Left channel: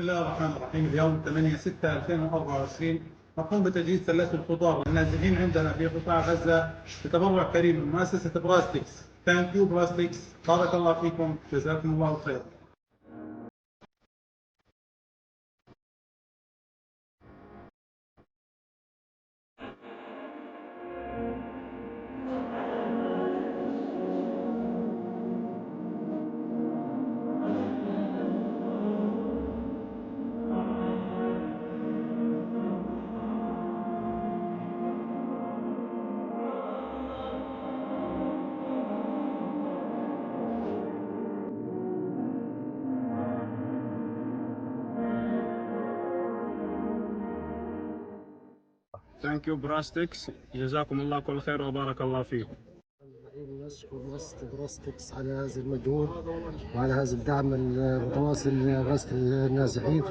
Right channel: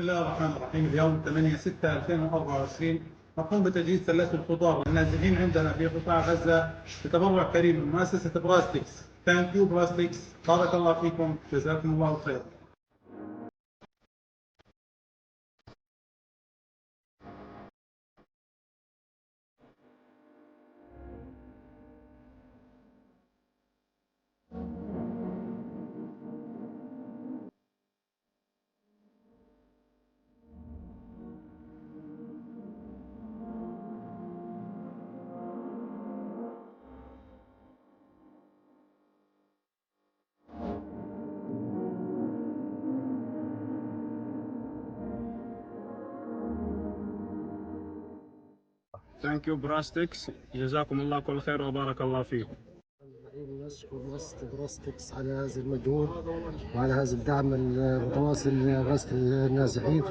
بسم الله الرحمن الرحيم. اليوم 8/6/2024 نقوم بتجهيز ثلاجة الخضار للنازحين عندنا في قطاع غزة بتبرع كريم من مؤسسة براستكس. ثانك يو براستكس، بارك الله فيكم، جزاكم الله خير. ثانك يو براستكس، جزاكم الله كل خير وبارك الله فيكم. نشكر مؤسسة براستكس على هذا المجهود وعلى هذا الدعم المتواصل لغاثة النازحين.